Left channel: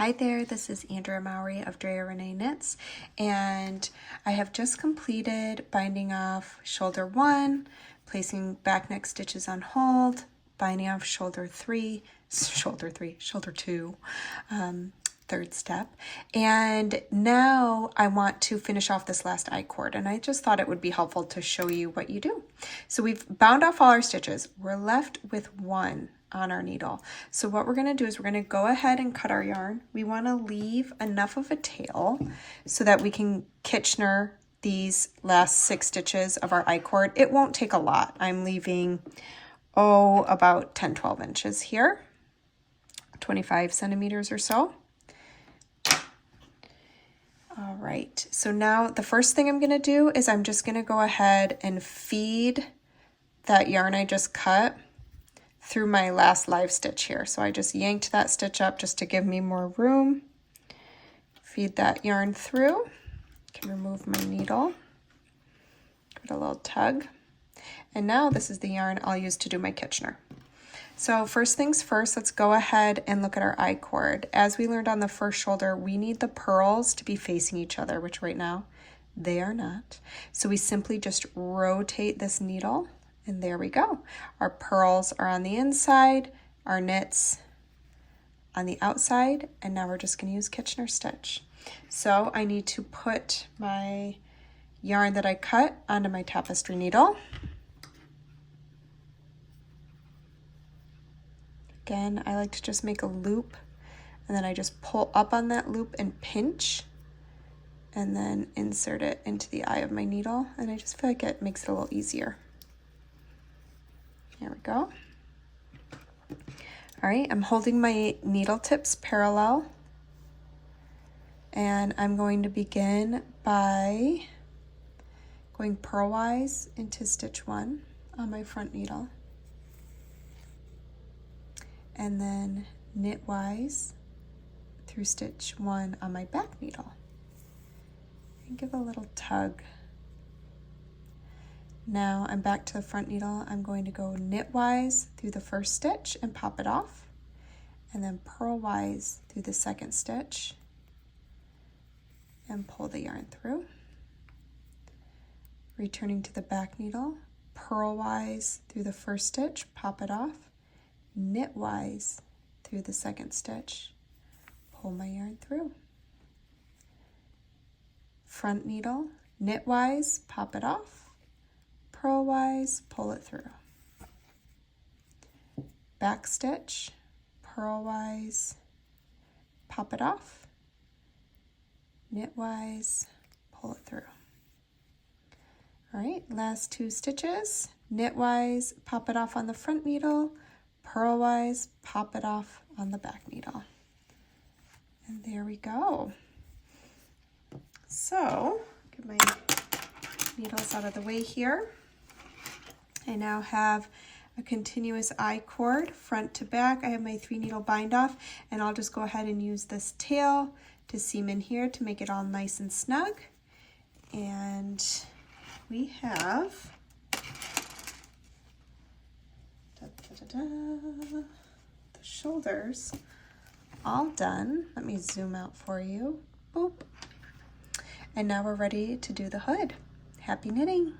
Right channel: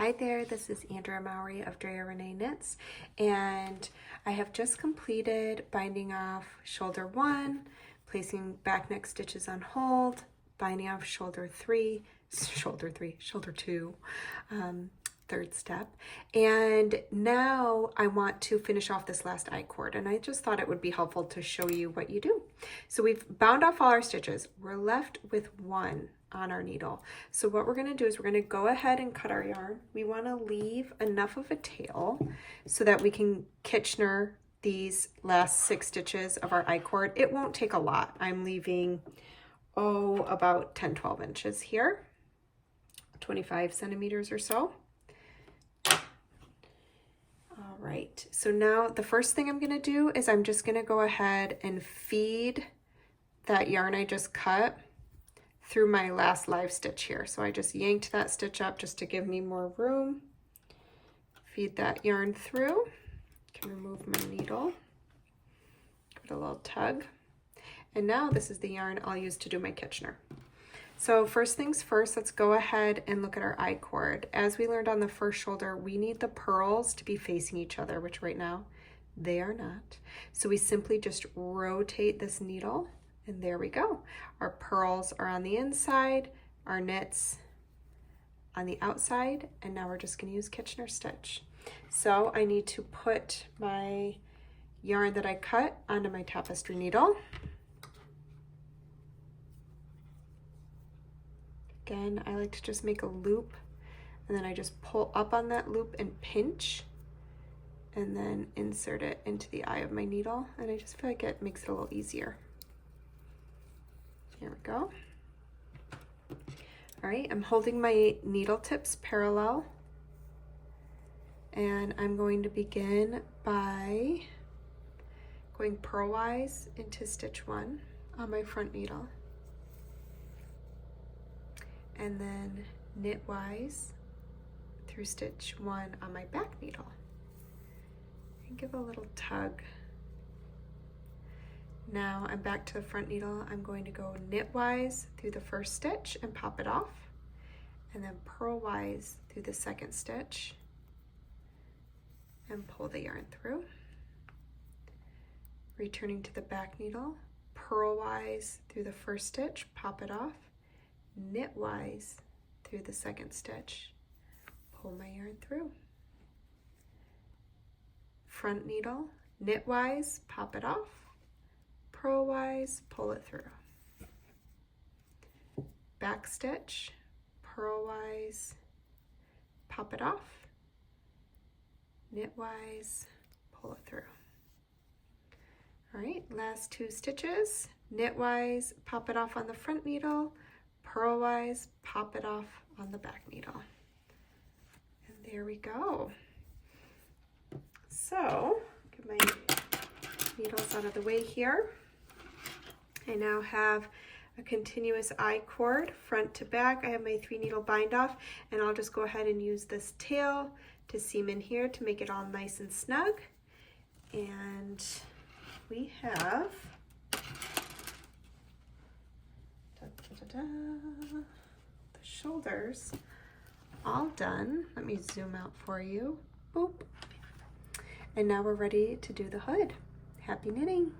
Hi there, this is Andrea Mowry of Drea Renee Knits, and I have just completed binding off shoulder 1, placing back neck stitches on hold, binding off shoulder 2, third step, and now I want to finish off this last I-cord, and I just thought it would be helpful to show you what you do. So we've bound off all our stitches. We're left with one on our needle. So what we're going to do is we're going to go ahead and cut our yarn. We want to leave enough of a tail so that we can Kitchener these last 6 stitches of our I-cord. It won't take a lot. I'm leaving, about 10-12 inches here, 25 centimeters or so. All right, so now the first thing I'm going to do is I'm just going to go ahead and feed that yarn I just cut through my last live stitch here. So I just yanked that stitch up just to give me more room. Feed that yarn through. Can remove my needle. Give it a little tug. And now this is the yarn I'll use to do my Kitchener. So first things first, let's go ahead and look at our I-cord. As we learned on the first shoulder, we need the purls to be facing each other, which right now they are not. So we simply just rotate this needle. And there we go. Our purls are on the inside, our knits on the outside, and now we're just going to use Kitchener stitch. So I need to put my yarn that I cut onto my tapestry needle. Again, I like to just make a loop, and then I just pull up on that loop and pinch, and then insert it into the eye of my needle, and I just feel like it makes it a little easier. There we go. All right, I'm holding my needle tips parallel, and I'm going to begin by going purlwise into stitch 1 on my front needle, and then knitwise through stitch 1 on my back needle, and give a little tug. Now I'm back to the front needle. I'm going to go knitwise through the first stitch and pop it off, and then purlwise through the second stitch and pull the yarn through. Returning to the back needle, purlwise through the first stitch, pop it off, knitwise through the second stitch, pull my yarn through. Front needle, knitwise, pop it off, purlwise, pull it through. Back stitch, purlwise, pop it off, knitwise, pull it through. All right, last 2 stitches, knitwise, pop it off on the front needle, purlwise, pop it off on the back needle. And there we go. So, get my needles out of the way here. I now have a continuous I-cord front to back. I have my 3 needle bind off, and I'll just go ahead and use this tail to seam in here to make it all nice and snug. And we have the shoulders all done. Let me zoom out for you. Boop. And now we're ready to do the hood. Happy knitting!